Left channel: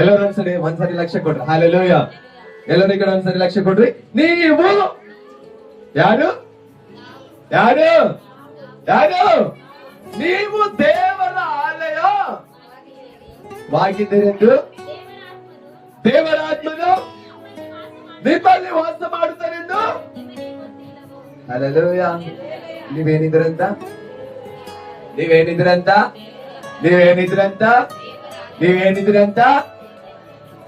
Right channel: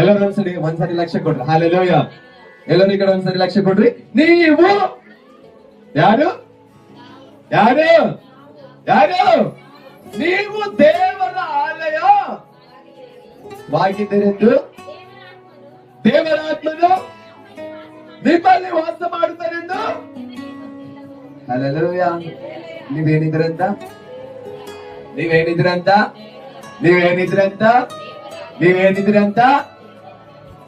ಎಲ್ಲರೂ ಒಂದ್ಸರಿ ಲಕ್ಷ್ಯ ಕೊಡ್ರಿ. ಹಾಲೆಲೂಯ. ಎಲ್ಲರೂ ಈ ಕಡೆ ಒಂದ್ಸರಿ ಲಕ್ಷ್ಯ ಕೊಡ್ರಿ. ನೀವು ಯಾರು ಯಾರು ಯಾರು ನೀವು ದೇವರ ಆಲಯವಾಗಿದ್ದೀರೆಂದು ದೇವರ ಆತ್ಮನು ನಿಮ್ಮಲ್ಲಿ ವಾಸ ಮಾಡುತ್ತಾರೆಂದು. ಹಾಲೆಲೂಯ. ನೀವೇನಿದ್ರಂತ ನೀವೇನಿದ್ರಂತ ನೀವೇನಿದ್ರಂತ ನೀವೇನಿದ್ರಂತ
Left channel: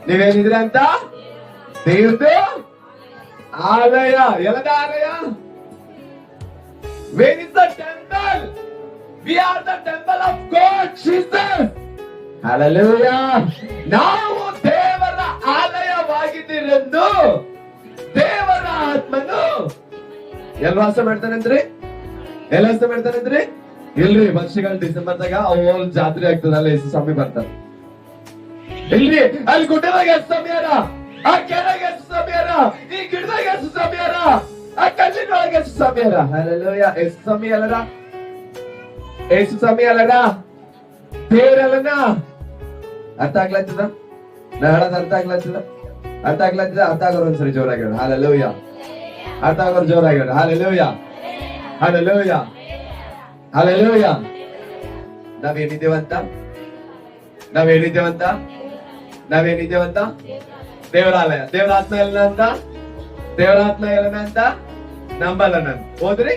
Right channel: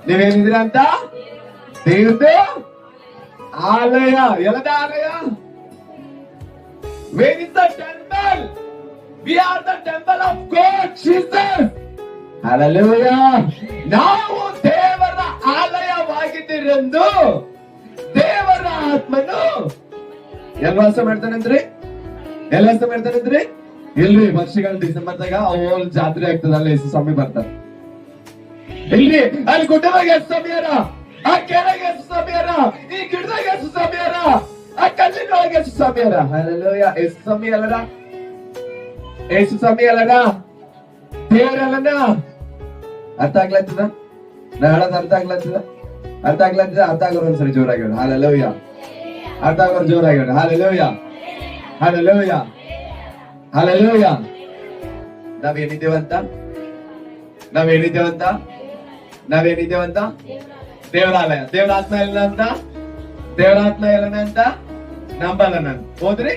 ನೀವೇನಿದ್ರಂತ ದೇವ್ರದು ಆಲಯ. ಎಲ್ಲದ ಆಲಯ? Where is the temple? We are the temple of God, Jesus. Hallelujah. ನಾವು ದೇವರ ಆಲಯವಾಗಿದ್ದೀರೆಂದು ದೇವರ ಆತ್ಮನು ಎಲ್ಲಿ ವಾಸ ಮಾಡ್ತಾನಂದ್ರಿ? ಎಲ್ಲಿ ವಾಸ ಮಾಡ್ತಾನಂದ್ರಿ? ಇಲ್ರಿ, ವರ್ಷಗಳ ಡಿಸೆಂಬರ್ದಾಗ ಅವಲ್ ಜಾತ್ರೆ ಆಗ್ತದಲ್ಲ, ಎಷ್ಟು ಸ್ವಾಮಿ ಬರ್ತಾರೆ. ಇಲ್ರಿ, ಅಲ್ಲಿ ಗುಡ್ಡದಾಗ ಎಷ್ಟು ಸಮಯರ, ಆ ಕೆರೆಗೆ ಎಷ್ಟು ಸಮಯರ, ಈ ಗಿಡದಾಗ ಎಷ್ಟು ಸಮಯರ, ಆ ಕಲ್ಲಿನೊಳಗೆ ಎಷ್ಟು ಸಮಯರ. ಅಲ್ಲಯ್ಯ, ಎಷ್ಟು ಸಮಯ ಅಲ್ಲದ, ಎಷ್ಟು ಸಮಯ ಅಲ್ಲದ ದೇವರಲ್ಲನ. ಅರ್ಥ ಆಗ್ಲತ್ತದ? ನಾ ಹೇಳೋದು ಅರ್ಥ ಆಗ್ಲತ್ತದ? ಅರ್ಥ ಆಗ್ಲತ್ತದ? ಅರ್ಥ ಆಗೋರು ಒಂದ್ಸರಿ ಜೋರಾಗಿ ಹೇಳ ಹಾಲೆಲೂಯ. ಅರ್ಥ ಆಗೋರು ಜೋರಾಗಿ ಹೇಳ ಹಾಲೆಲೂಯ. ಹಾಲೆಲೂಯ. ಹಾಲೆಲೂಯ. ನಾವೇನಿದ್ದೇವಂತ ನಾವೇನಿದ್ದೇವಂತ ನಾವೇನಿದ್ದೇವಂತ ದೇವರಾಲಯ. ದೇವರಾತ್ಮ ಎಲ್ಲ ಅಂತ, ದೇವರಾತ್ಮ ಎಲ್ಲನ ಅಂತ ನಂಬಲ್ಲ ನಾನು. ಹೋದ್ರಿ,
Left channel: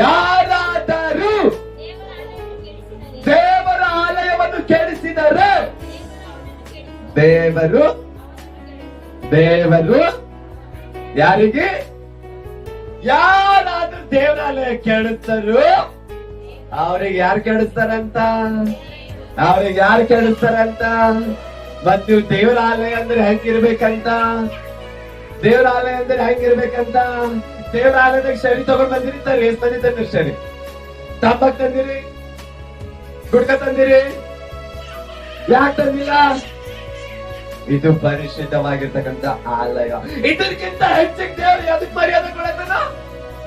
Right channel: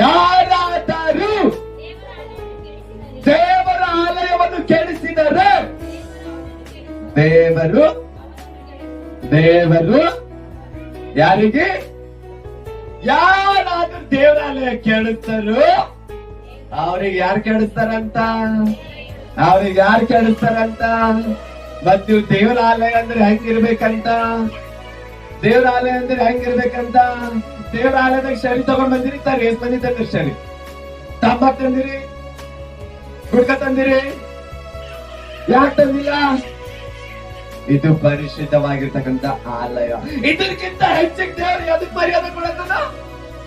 ಯಾರಾದರೂ ದೇವರ ಆಲಯವನ್ನು ಕೆಡಿಸಿದರೆ ದೇವರು ಯಾರಿಗೆ ಯಾರಾದ್ರೂ ದೇವರಾಲಯ ಕೆಡಿಸ್ತಾರೋ ಅವ್ರಿಗೆ ಯಾರು ಕೆಡಿಸ್ತಾರಂತ? ಅವ್ರಿಗೆ ಯಾರು ಕೆಡಿಸ್ತಾರಂತ? ಮತ್ ನೀವು ದೇವರ ಆಲಯ ಅಂದ್ರೆ ಹೆಂಗಿರ್ಬೇಕಂತ? ದೇವರ ಆಲಯ ಅಂದ್ರೆ ಹೆಂಗಿರ್ಬೇಕಂತ? ದೇವರ ಆಲಯದಾಗ ಶರಿ ತಗೊಂಡ್ ಬಂದಿರಿ. ಸರ್, ಎಷ್ಟ್ ಮಂದಿ ತಂದಿರಿ ಶರಿ? ತಂಬಾಕ್ ತಂದಿರಿ, ಗುಡ್ಕ ತಂದಿರಿ, ಯಾಕೆ ತಂದಿಲ್ಲ? ಇದು ಪರಿಶುದ್ಧವಾಗಿರ್ತಕ್ಕಂಥ ಆಲಯ. ಇದಕ್ಕಿಂತ ಹೆಚ್ಚಿಗೆ ದೇವರು ಅದಕ್ಕೆ ಮರ್ಯಾದೆ ಕೊಡತ್ತಲ್ಲ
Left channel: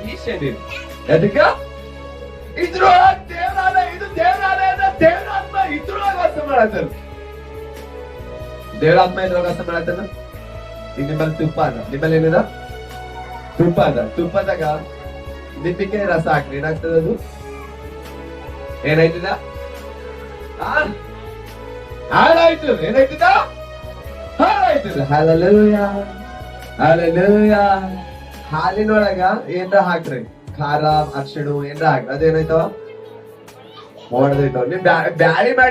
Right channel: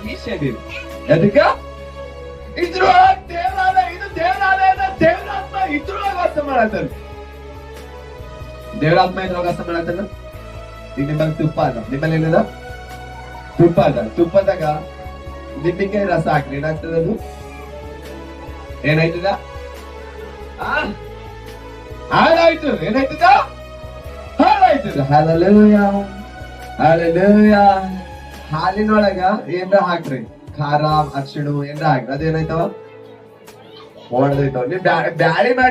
ಈ ಶರೀರ. ಅದಕ್ಕ ಇದ್ರೊಳಗೆ ದೇವಾಲಯ, ಇದು ದೇವರಾಲಯದ ದೇವರಾತ್ಮ ಇದ್ರೊಳಗೆ ವಾಸ ಮಾಡತ್ತಾನ. ದೇವರಾತ್ಮ ಇದ್ರೊಳಗೆ ವಾಸ ಮಾಡತ್ತಾನ. ಈಗ ನಿಮ್ಮಲ್ಲಿ ತುಪ್ಪ ಅದ, ನಿಮ್ಮಲ್ಲಿ ಏನದ? ತುಪ್ಪ ಅದ. ತುಪ್ಪದಾಗ ನಿಂಬಿಕೆ ರಸ ಹಾಕ್ರಿ, ಏನಾಗ್ತದ? ಅದು ಏನಾಯ್ತದ? ಹಾಳಾಯ್ತು. ಏನಾಯ್ತದ? ಹಾಳಾಯ್ತದ. ಹಾಲೆಲೂಯ. ಹಾಲೆಲೂಯ. ಹಾಲಿನೊಳಗ ಏನ್ರ ಹಾಕ್ರಿ, ಖಾರ, ಅರ್ಶಿಣ ಏನ್ರ ಹಾಕ್ರಿ, ಅದೇನಾಯ್ತವ? ಒಣದೈತವ. ನೀವ್ ಬ್ಯಾಳಿ ಮಾಡಿ